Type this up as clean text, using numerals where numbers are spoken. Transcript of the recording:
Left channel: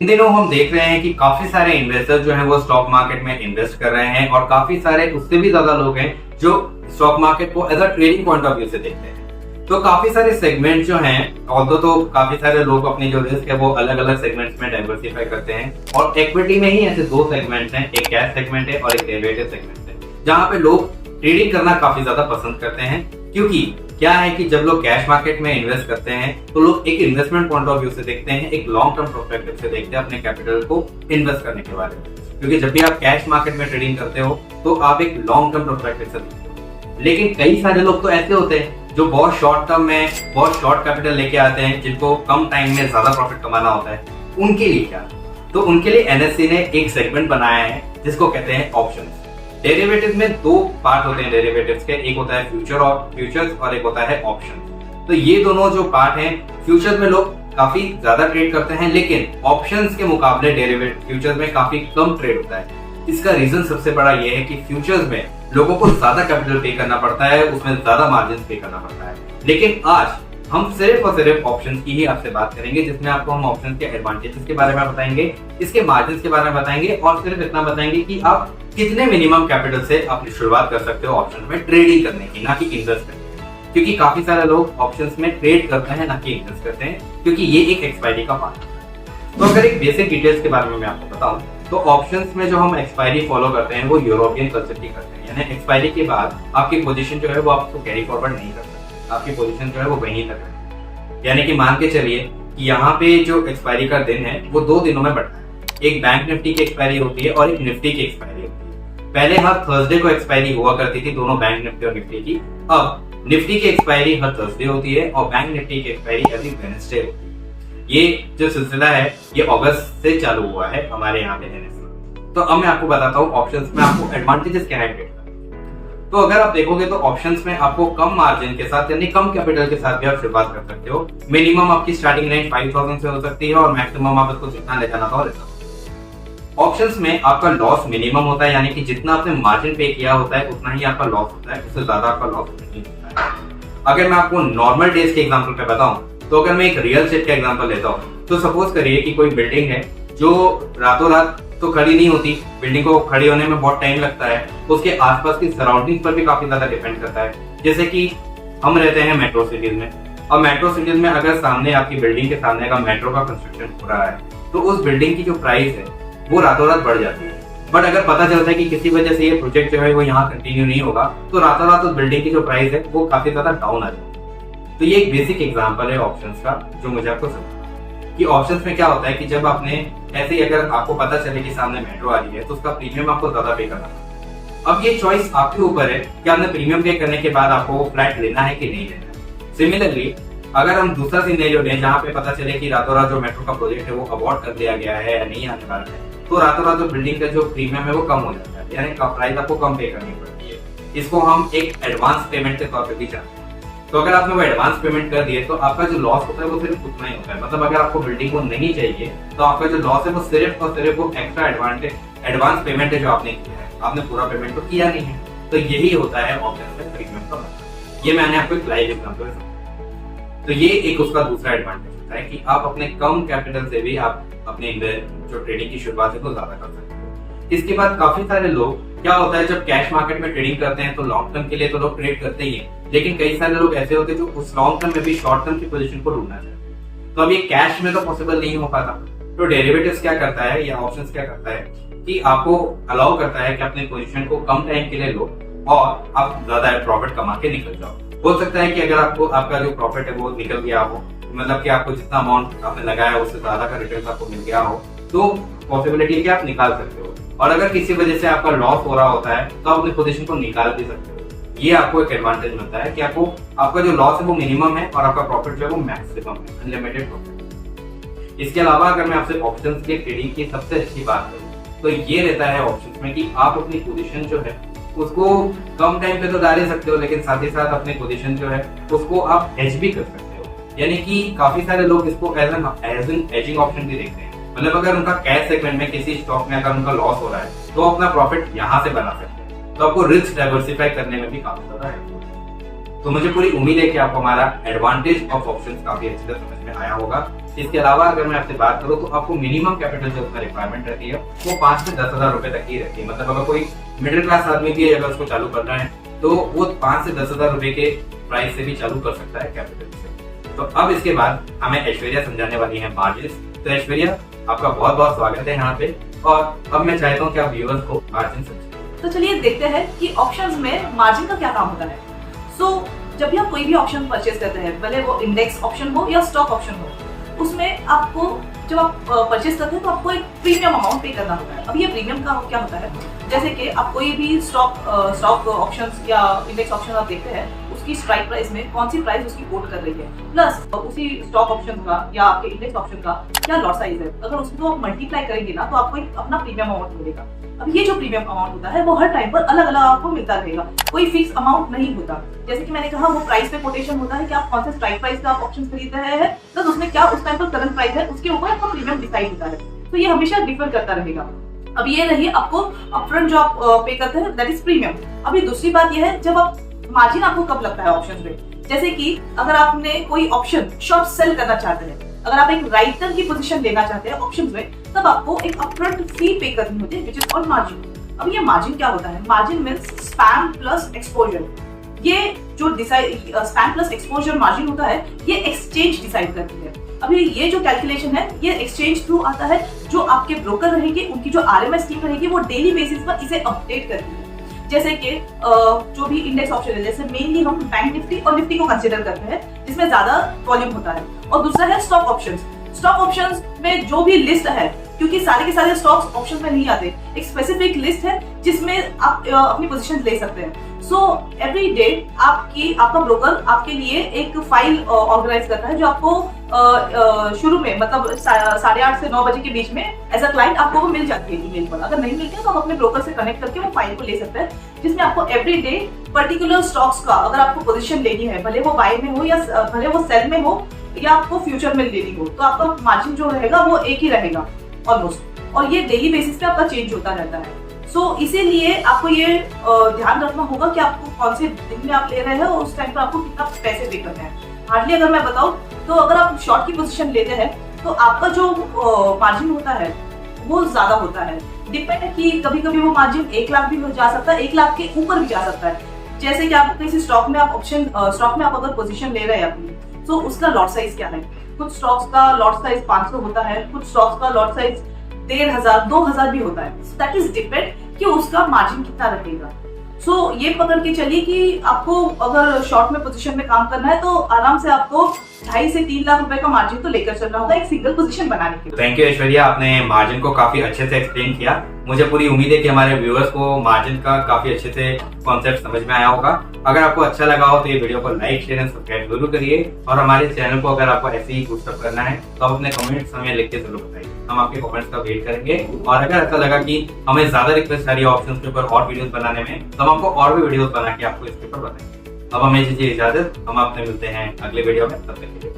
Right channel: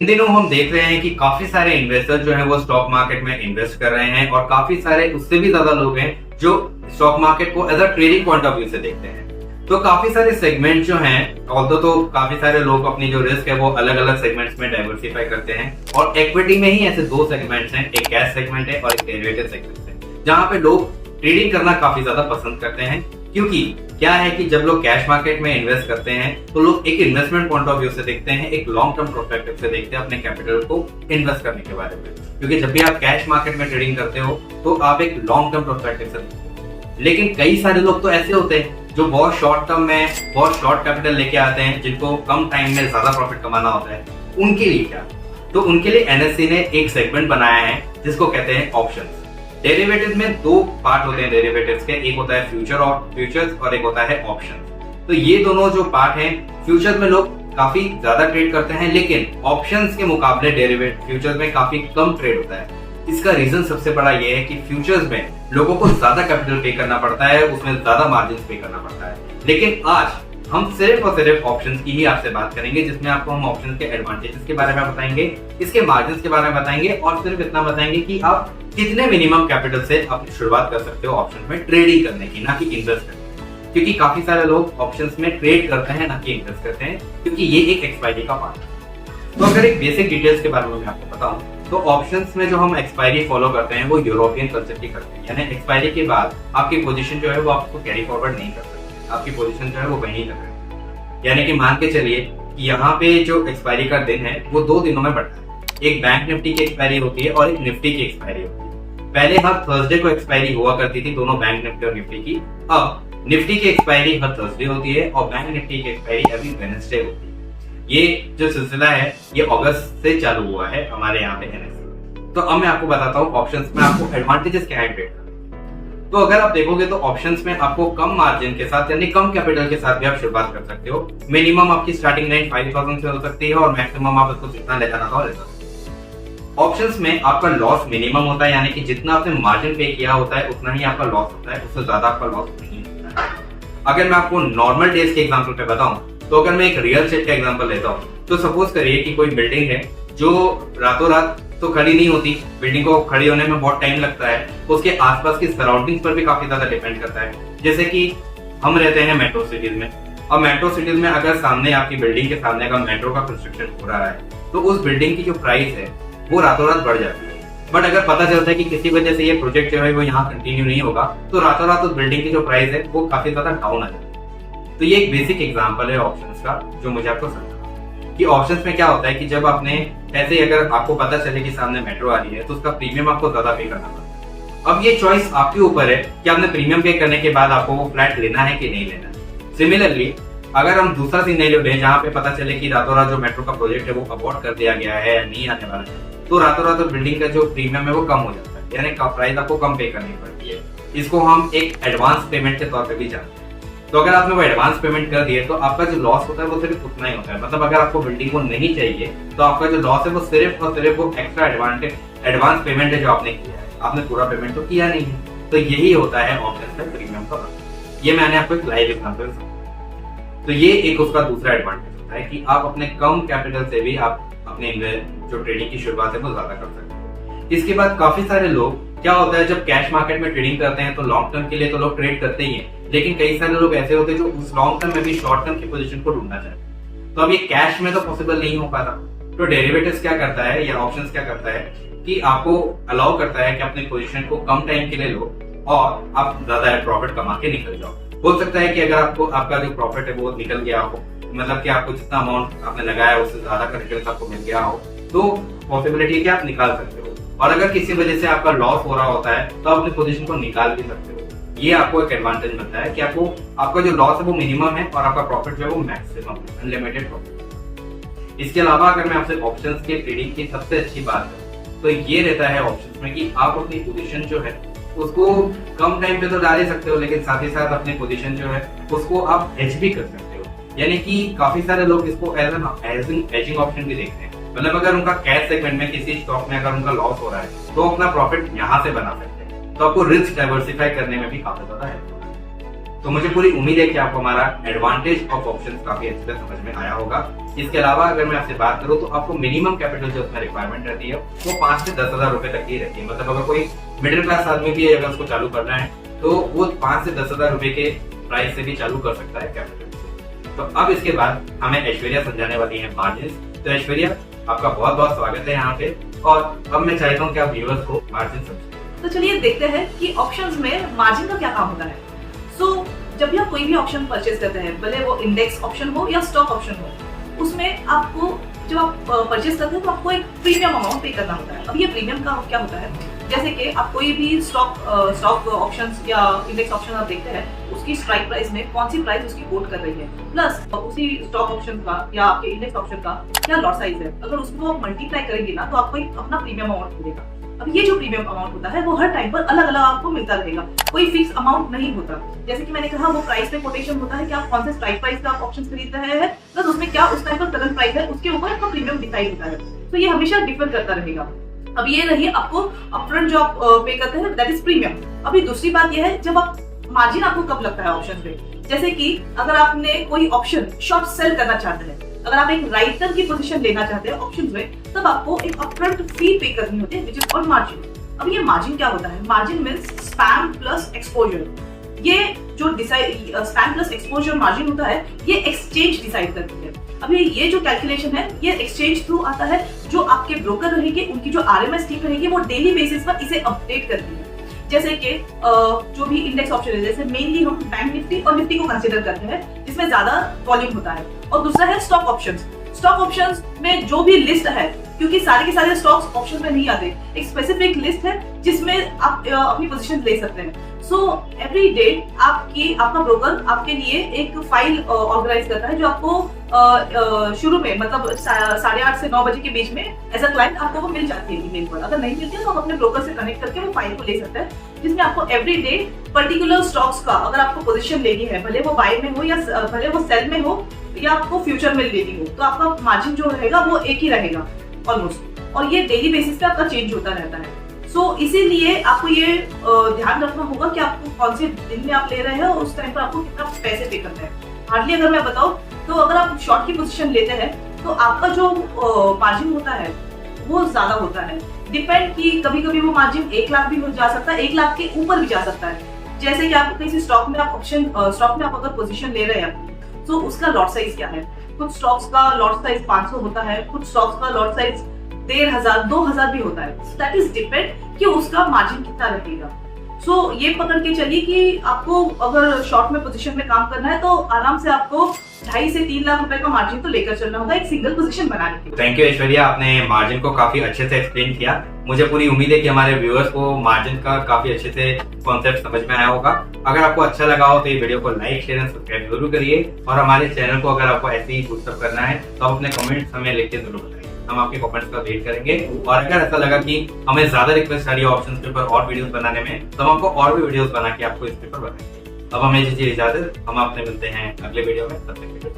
इन दिनों हम देख रहे हैं कि काफी सारे इन्वेस्टर जो हैं वो स्टॉक मार्केट में इन्वेस्ट कर रहे हैं और काफी सारे उससे भी ज्यादा लोग हैं जो स्टॉक मार्केट को as a trading point of view से देखते हैं। तो काफी सारे सेगमेंट जो हैं, ऑल्दो तो काफी सारे लोग अपनी जो रिस्क है वो अलग अलग सेगमेंट्स में डाइवर्सिफाई करते हैं और इक्विटी में ही ऐसे दो सेगमेंट्स हैं, एक कैश सेगमेंट है और एक डेरिवेटिव सेगमेंट है, जहाँ पे लोग ट्रेडिंग करना काफी ज्यादा पसंद करते हैं। क्योंकि क्या है कि जब लोग कैश मार्केट में इन्वेस्ट करते हैं तो लोग एक इन्वेस्टमेंट पॉइंट ऑफ व्यू से देखते हैं, एक लॉन्ग टर्म पर्सपेक्टिव से देखते हैं अपने कैपिटल को इन्वेस्ट करने के बारे में। क्योंकि जब भी आप कैश मार्केट में ट्रेडिंग करते हो तो आप एक लॉन्ग टर्म पर्सपेक्टिव से देखते हो। लेकिन कई सारे लोग तो ऐसे होते हैं जो बहुत शॉर्ट टर्म में बहुत शॉर्ट कैपिटल लेके आते हैं, जिनको कम टाइम में ज्यादा प्रॉफिट कमाना होता है। उनके लिए क्या? तो उनके लिए एनएससी ने एक सेगमेंट बनाया है जिसको कहते हैं ऑप्शंस। डेरिवेटिव में दो पार्ट होते हैं डेरिवेटिव्स के, एक होता है फ्यूचर्स और एक होता है ऑप्शन। तो ये दोनों जो पार्ट है, फ्यूचर्स में लोग काफी ज्यादा ट्रेड करते हैं, लेकिन ऑप्शंस के मुकाबले डेरिवेटिव फ्यूचर्स में काफी कम ट्रेड होता है। इसका रीजन सबसे बड़ा ये है कि फ्यूचर्स में लोगों को ज्यादा कैपिटल पे करना पड़ता है, उसमें ज्यादा मार्जिन पे करना पड़ता है। लेकिन आज हम सिर्फ और सिर्फ ऑप्शंस की ही आपसे बात करेंगे, जिसमें आपको हम ऑप्शंस के एडवांटेजेस के बारे में बताएंगे, इसके मार्जिन के बारे में बताएंगे और सिर्फ इतना बताएंगे कि आप कितने मिनिमम कैपिटल से अपनी शुरुआत कर सकते हो ऑप्शन में ट्रेडिंग करने की, ना कि इन्वेस्ट करने की। क्योंकि काफी सारे लोग ऑप्शंस में ट्रेड करते हैं, ना कि इन्वेस्ट करते हैं, क्योंकि ये एक एक्सपायरी का पार्ट है। तो अगर एक बेसिक डिटेल्स के बारे में मैं आपको बताऊं तो ऑप्शंस में जो हम एक्सपायरी फॉलो करते हैं वो यूरोपियन कल्चर की करते हैं। यानी एक्सपायरी के बाद आपकी पोजीशन जो है वो आपको कैरी फॉरवर्ड नहीं कर सकते, आपकी पोजीशन जो है वो वहीं तक है। यानी कि मान के चलिए कि यहाँ पे जो एक्सपायरी का दिन है वो 2 दिनों में बढ़ता है। एक बैंक निफ्टी की एक्सपायरी होती है और एक निफ्टी की एक्सपायरी होती है। पहले हर थर्सडे को एक्सपायरी हुआ करती थी दोनों बैंक निफ्टी और निफ्टी की। अब निफ्टी की एक्सपायरी हर थर्सडे होती है और बैंक निफ्टी की एक्सपायरी एवरी वेडनेसडे होती है। ये जो सिलसिला है ये अगस्त से चालू हुआ है हमारे यहाँ पे एनएससी। तो अब मैं आपको बताता हूँ ऑप्शंस में आपको एडवांटेजेस क्या है ट्रेड का। तो अगर आप देखोगे तो ऑप्शंस में आपको कम मार्जिन के साथ यानी कम कैपिटल के साथ भी आप शुरुआत कर सकते हो। मिनिमम आपकी स्टार्टिंग रेंज 5000 से हो सकती है और मैक्सिमम आप उसको जितना ले जाना था। ऑप्शंस में आपका लॉस मिनिमम होता है, यानी कि जितना आपने मार्जिन पे किया होता है उतना ही आपका लॉस होता है, उससे ज्यादा आपका लॉस नहीं होता है। अगर मैं आपको नॉर्मल डेज के एग्जांपल पे बताऊं तो अगर मैं एक रियल एस्टेट का एग्जांपल लेता हूं तो सपोज करिए कि कोई बिल्डिंग है जो रातों रात तो खड़ी नहीं होती, बिल्डिंग को खड़ी होने में बहुत टाइम लगता है, उसके आसपास की सराउंडिंग्स पर भी काफी ज्यादा डिपेंड करता है। जैसे कि हम रहते हैं मेट्रो सिटीज में, और मेट्रो सिटीज में अगर सामने आपकी बिल्डिंग के सामने अगर मेट्रो का कंस्ट्रक्शन हो रहा है तो उस बिल्डिंग की जो प्राइस है वो रातों रात बढ़ जाती है। बट अगर पता चलता है कि किसी वजह से ये प्रोजेक्ट जो है वो यहाँ कंटिन्यू नहीं होगा तो रातों रात उस बिल्डिंग की जो प्राइस है वो काफी ज्यादा डाउन आ जाती है। तो ये एक बेसिक एग्जांपल है ऑप्शंस का जो मुझे आपको समझना कि ऑप्शंस में क्या होता है कि जब आपने ऐसे अगर आपको पता चले कि सामने मेट्रो आ रही है तो उसका प्रीमियम आपको ज्यादा पे करना पड़ता है। अब ये चॉइस आपके ऊपर है कि आपने प्रीमियम पे करने के बाद आपको वो फ्लैट लेना है कि नहीं लेना है। सिमिलरली अगर हम दूसरा सिनेरियो लें जहाँ पे पता चले कि रातों रात जो मेट्रो का प्रोजेक्ट है वो अबॉर्ट कर दिया गया है या नहीं आने वाला है, तो रातों रात बिल्डिंग का जो प्रीमियम है वो कम हो जाता है, यानी प्राइस आपको कम पे करनी पड़ती है। इसको हम एक एडवांस पेमेंट के तौर पर भी जानते हैं। तो अगर आपने वो एडवांस पेमेंट कर दिए तो आपका जो लॉस होता है वो सिर्फ उतना ही होता है। मतलब अगर आपको बिल्डिंग को नहीं चाहिए तो आपका जो लॉस है वो सिर्फ और सिर्फ वो एक्स्ट्रा एडवांस पेमेंट है जो आपने किया है, आपने पूरा पेमेंट तो किया नहीं है। तो यही होता है ऑप्शंस में प्रीमियम का मतलब। ये मैंने आपको एक लाइव एग्जांपल दिया। तो ये एक उसका दूसरा एडवांटेज होता है कि आप अपने कम कैपिटल से भी आप अपने जो ट्रेडिंग की शुरुआत है वो ज्यादा कर सकते हैं। इसके बाद काफी सारे लोग क्या होता है जब कैश मार्केट में ट्रेडिंग करते हैं तो लॉन्ग टर्म के लिए तो लोग ट्रेड करते ही हैं, लेकिन कई सारे लोग ऐसे होते हैं जो उस लॉन्ग टर्म में भी शॉर्ट टर्म की पोजीशन को ढूंढना चाहते हैं। तो अब ये कैश में तो पॉसिबल नहीं हो पाता। तो डेरिवेटिव्स क्या करता है या ऑप्शंस क्या करता है कि आपको अलाउ करता है कि अपनी पोजीशन को कम टाइम के लिए लो और आप ज्यादा प्रॉफिट कमा के निकल जाओ। हो सकता है कि अगर आपको आपका जो प्रॉफिट है वो निकल गया हो, मतलब कि आपको जितना अमाउंट आपने लगाया उससे ज्यादा का रिटर्न आपको मिल गया हो, तो पॉसिबिलिटी है कि आप निकाल सकते हो। और अगर किसी वजह से आपका लॉस हो रहा होता है तो आप अपनी पोजीशन को निकाल भी सकते हो। ये आपको एक एडवांटेज मिलता है कि आपको आपका जो लॉस है वो मिनिमम है और आपका प्रॉफिट जो है वो मैक्सिमम है, अनलिमिटेड प्रॉफिट। इसके अलावा अगर मैं आपसे ऑप्शंस के ट्रेडिंग की सबसे अच्छी बात करूं तो ये रहता है ऑप्शंस में कि आप अपनी पोजीशन जो है उसको कम टाइम पे तो डाल ही सकते हो, लेकिन साथ ही साथ अपनी पोजीशन जो है उसको आप हेज भी कर सकते हो। यानी कि काफी सारे लोग इसको एज एन हेजिंग ऑप्शन भी देखते हैं। मतलब अगर उनका कैश सेगमेंट में किसी स्टॉक में अगर उनका लॉस हो रहा है तो अपना प्रॉफिट यहाँ से बना सकते हैं। तो आपको रिस्क डाइवर्सिफाई करने में भी काफी ज्यादा है। तो मुझे पूरी उम्मीद है कि आपको हमारा एडवांटेज ऑफ ऑप्शंस काफी अच्छे से समझ में आया होगा। इसके अलावा अगर मैं आपसे बात करूं तो आपको मिनिमम कैपिटल जो उसमें रिक्वायरमेंट रहती है वो 5 से 10 हजार रुपए तक की रहती है। मतलब अगर कोई मिडिल क्लास आदमी भी अगर उसको चालू करना है तो वो 5 से 10 हजार रुपए के प्राइस से भी चालू कर सकता है कैपिटल से। तो अब इसके बाद हमें ऐश्वर्या समझाने वाली है मार्जिन। तो ऐश्वर्या, आपका बहुत बहुत स्वागत है यहाँ पे, और अब मैं चाहता हूँ कि आप व्यूअर्स को मार्जिन समझाएं। तो चलिए देखते हैं कि ऑप्शंस में मार्जिन का क्या काम होता है। जब भी आप कोई भी ऑप्शन परचेज करते हैं, भले वो इंडेक्स ऑप्शन हो या स्टॉक ऑप्शन हो, उसमें आपको जब आप परचेज करते हैं तो आपको एक प्रीमियम अमाउंट पे करना होता है। अब ये प्रीमियम का क्या होता है, जैसे कि आप कोई भी स्टॉक ऑप्शंस या इंडेक्स ऑप्शन आप देखते हैं, उसकी स्ट्राइक प्राइस में कौन सी प्राइस उसकी कोट कर रही है, प्लस उसी स्टॉक ऑप्शन का या आपके इंडेक्स ऑप्शन का क्या लॉट साइज है। अगर उसको आप मल्टीप्लाई करेंगे ना तो आपको एक अपना प्रीमियम अमाउंट मिलेगा। अब ये जो प्रीमियम अमाउंट होता है वो हर टाइम पर अलग अलग आपको मिलता रहेगा, कोई फिक्स अमाउंट नहीं होता। जैसे कि मैंने कहा, वो प्राइस पे कोटेशन होता है कि आप कौन से स्ट्राइक प्राइस का आप ऑप्शन खरीद रहे हैं, प्लस उसमें क्या उस टाइम पर करंट प्राइस है, उसके ऊपर आपका प्रीमियम डिसाइड होता है। तो ये हमेशा डिफर करता रहेगा। अब ये रही आपको अपफ्रंट जो आप पे करते हैं, दैट इज प्रीमियम। अब ये दूसरी बात ये है, जब आप मार्जिन आपको कब लगता है ऑप्शन पे, जैसे कि अगर आपने कोई ऑप्शन शॉर्ट सेल करना चाहते हैं, अगर आप एक राइटर की पोजीशन लेना चाहते हैं ऑप्शंस में, तब आपको एक अपफ्रंट फी पे करनी होती है, व्हिच इज कॉल्ड मार्जिन। अब ये मार्जिन क्या होता है? Margin means spam plus exposure. ये जो स्पैम प्लस एक्सपोजर मार्जिन होता है, ये एक्सचेंज डिसाइड करती है। अभी ये जो कैलकुलेशन है, ये एक्सचेंज थ्रू आता है। जो आपके ब्रोकर रहेंगे, उनकी जो आरएमएस टीम रहेगी, वो डेली बेसिस पर इसे अपडेट करती है। जैसे कि जो भी इंडेक्स ऑप्शन है, जैसे मेनली हम बैंक निफ्टी और निफ्टी को कंसीडर करते हैं, जिसमें ज्यादा वॉल्यूम होता है। और दूसरा है स्टॉक ऑप्शंस। स्टॉक ऑप्शंस में जो भी लिस्ट है, क्योंकि सारे के सारे स्टॉक्स ऑप्शन में नहीं आते, एक स्पेसिफिक लिस्ट है जिसमें आप अपनी पोजीशन ले सकते हैं। सो एवरी डे आपका ब्रोकर आपके लिए एक फाइल ऑर्गेनाइज करता है, जो आपको शुरू में मतलब 8:30 से 9 बजे के बीच में एज अ क्लाइंट आपको वो मिल जाती है ईमेल पर। अगर नहीं मिलती है तो आप अपने ब्रोकर से कनेक्ट करके वो फाइल को ले सकते हैं, जिसमें आपको एवरी डे पर्टिकुलर स्टॉक्स का अगर आपको पोजीशन लेनी है, भले वो बाय में हो या भले वो सेल में हो या आपको फ्यूचर में लेनी हो, तो आपका मार्जिन जो रहेगा वो एक ही रहेगा ऑलमोस्ट, और ये डेली बेसिस पे आपका चेंज होता रहता है। इसीलिए आपको ये ध्यान रखना होगा कि आपको कौन से दिन में आप ले रहे हैं और उस टाइम पर आपको कितना पैसे पे करना है। हार्डली अगर मैं बताऊं तो अगर आप शॉर्ट की पोजीशन लेते हैं तो आपका जो मार्जिन होता है वो ज्यादा होता है। डिपेंड कि कभी कभी वो मार्जिन 1 लाख भी हो जा सकता है, 1 लाख के ऊपर भी जा सकता है। जैसे कि आप किसी स्टॉक में आप अगर पोजीशन ले रहे हैं अपनी, तो उसका लॉट साइज क्या है। कुछ स्टॉक्स का लॉट साइज 500 होता है, कुछ स्टॉक्स का लॉट साइज 1500 2000 भी होता है। दैट इज डिपेंड कि उसका मार्जिन कितना रहेगा। ये पकड़ के चलिए कि आपको अगर शॉर्ट में पोजीशन में काम करना है तो आराम से आपको 2.5 से 3 लाख रुपए का मार्जिन तो लेकर चलना होगा एक सिंगल पोजीशन बनाने के लिए। थैंक यू ऐश्वर्या, आपने मार्जिन को काफी अच्छे से एक्सप्लेन किया। मुझे पूरी उम्मीद है कि हमारे व्यूअर्स को मार्जिन का काफी अच्छे से कॉन्सेप्ट समझ में आया होगा। अगर आपको अच्छा लगा हो तो ये वीडियो को लाइक शेयर एंड सब्सक्राइब जरूर करिए, और हमारे चैनल को अगर आपको ऐसे ही सब्सक्राइब करना है तो आप अपने कमेंट्स हमें लिख के जरूर बताइए, हम आपके कमेंट्स का वेट करेंगे। और अगर ऐसा लगा कि हमें ज्यादा रिक्वेस्ट आ रही है ऑप्शंस के ऊपर और वीडियोस बनाने में, तो हम आपको और भी वीडियोस बना के आपको इसके ऊपर बताएंगे। अब हमें दीजिए इजाजत, हम आपसे मिलते हैं अगले वीडियो में। तब तक के लिए